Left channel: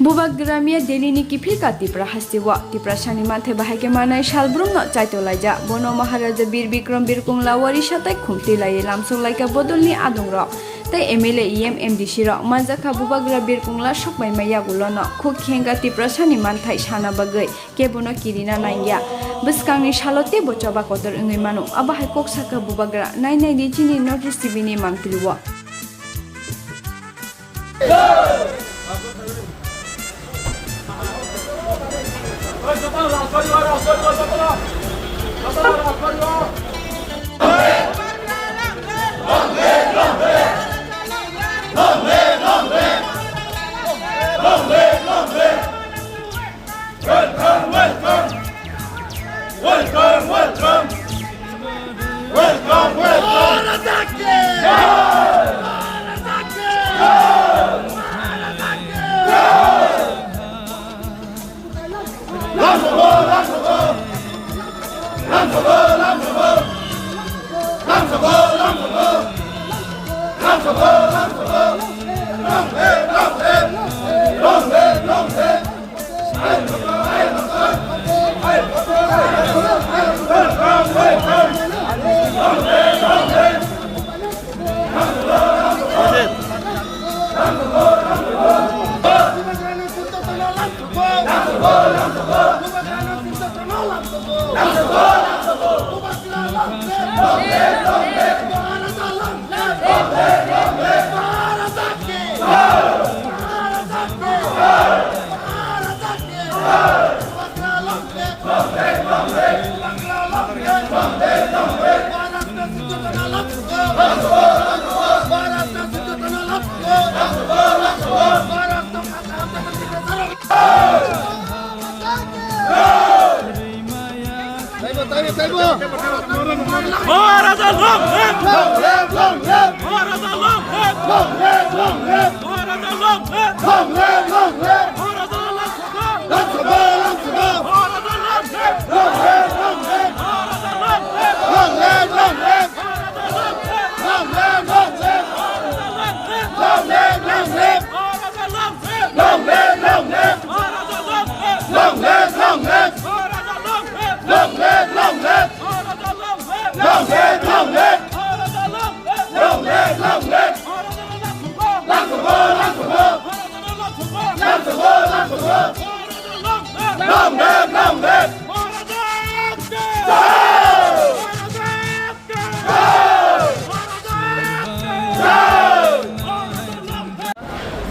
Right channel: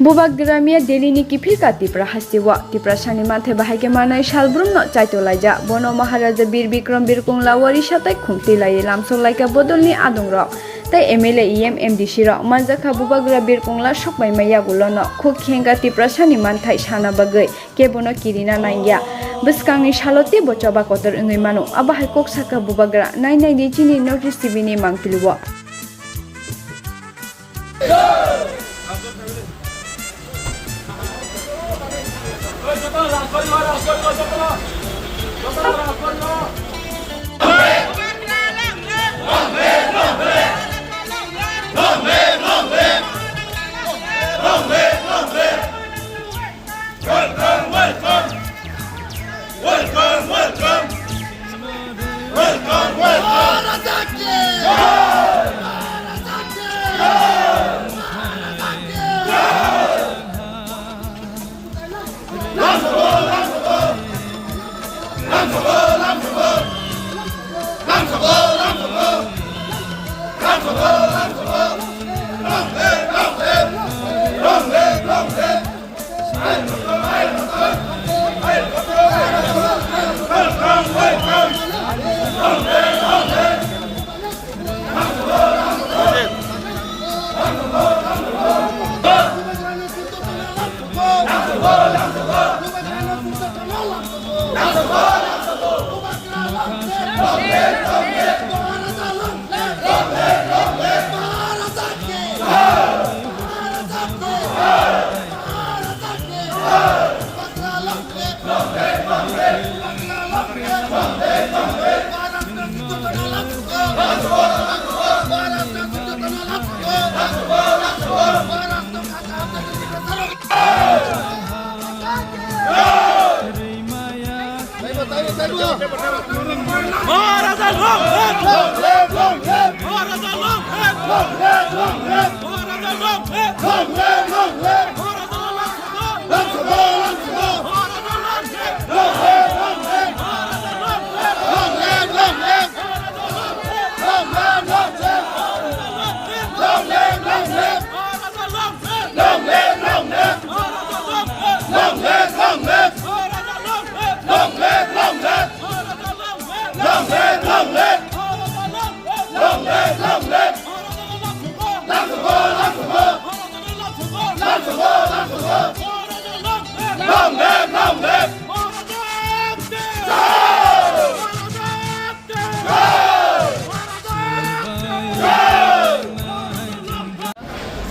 Bubak Gramia Delini Kipika Tipra Hasiwa, Tipra Sanimate Bahagemana Shalbruno Chaitolaja, Bono Maharaja Bir Bikram Birkung Lawari Shatai Kumtila Lamso like a Bodoni Adungra. Tai MLA MDC Rock Mazaka Bubagra Birkungla Shok by Mayagulano, Cook Henga Tipra Saniman Tai Shana Bagay, Kebono Kirina Naya. Beskangi Shalote Bochaba Kotor Unimano, Abahakok Saka Bubagra, 990 Notice TV Mankiliwa.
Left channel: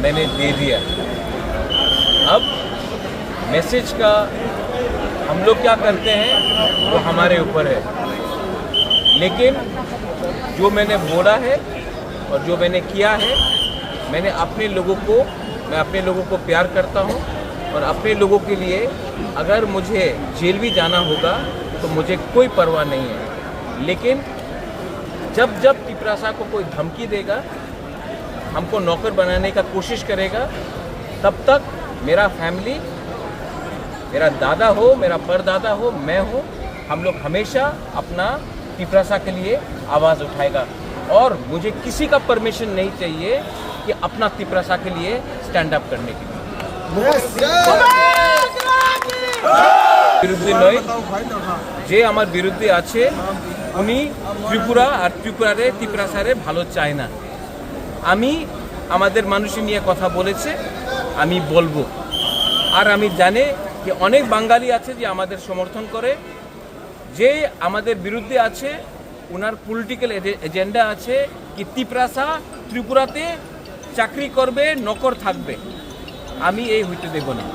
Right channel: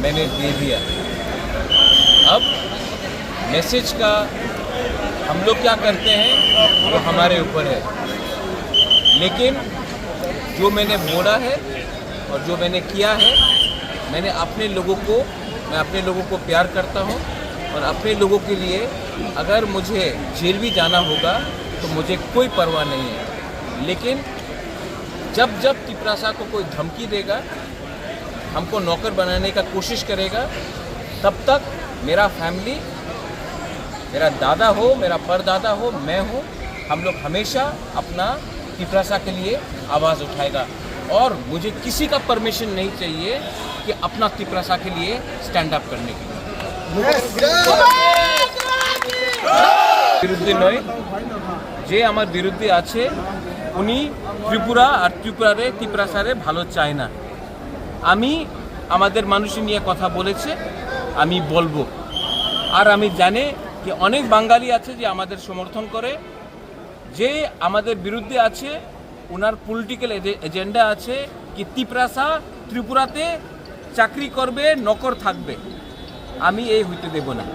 मैंने दे दिया। अब message का हम लोग क्या करते हैं वो हमारे ऊपर है, लेकिन जो मैंने बोला है और जो मैंने किया है, मैं अपने लोगों को प्यार करता हूँ और अपने लोगों के लिए अगर मुझे जेल भी जाना होगा तो मुझे कोई परवाह नहीं है। लेकिन जब तिपरासा को कोई धमकी देगा, हमको नौकर बनाने का कोशिश करेगा, तब तक मेरा फैमिली, मेरा दादा हो, मेरा परदादा हो, मैं हूँ, हम लोग हमेशा अपना तिपरासा के लिए आवाज़ उठाएगा और मुझे किसी का परमिशन नहीं चाहिए कि अपना तिपरासा के लिए स्टैंड अप करने के लिए। বিরুদ্ধে নয়, যে আমার বিরুদ্ধে আছে উনি ত্রিপুরা আর ত্রিপুরারে তিপরাসারে ভালো চায় না। আমি আমাদের মানুষই নিয়ে কথা বলেছে, আমি বলবো। আর আমি জানি যে অনেক বাঙালি আছে যে আমাদের সমর্থন করে, যে আমাদের বিরুদ্ধে আছে ওনার পলিটিক্যাল এজেন্ডা আছে কি তিপরাসা ত্রিপুরাতে চাকরি করবে, নকর থাকবে। আমি এই হইতে দেব না।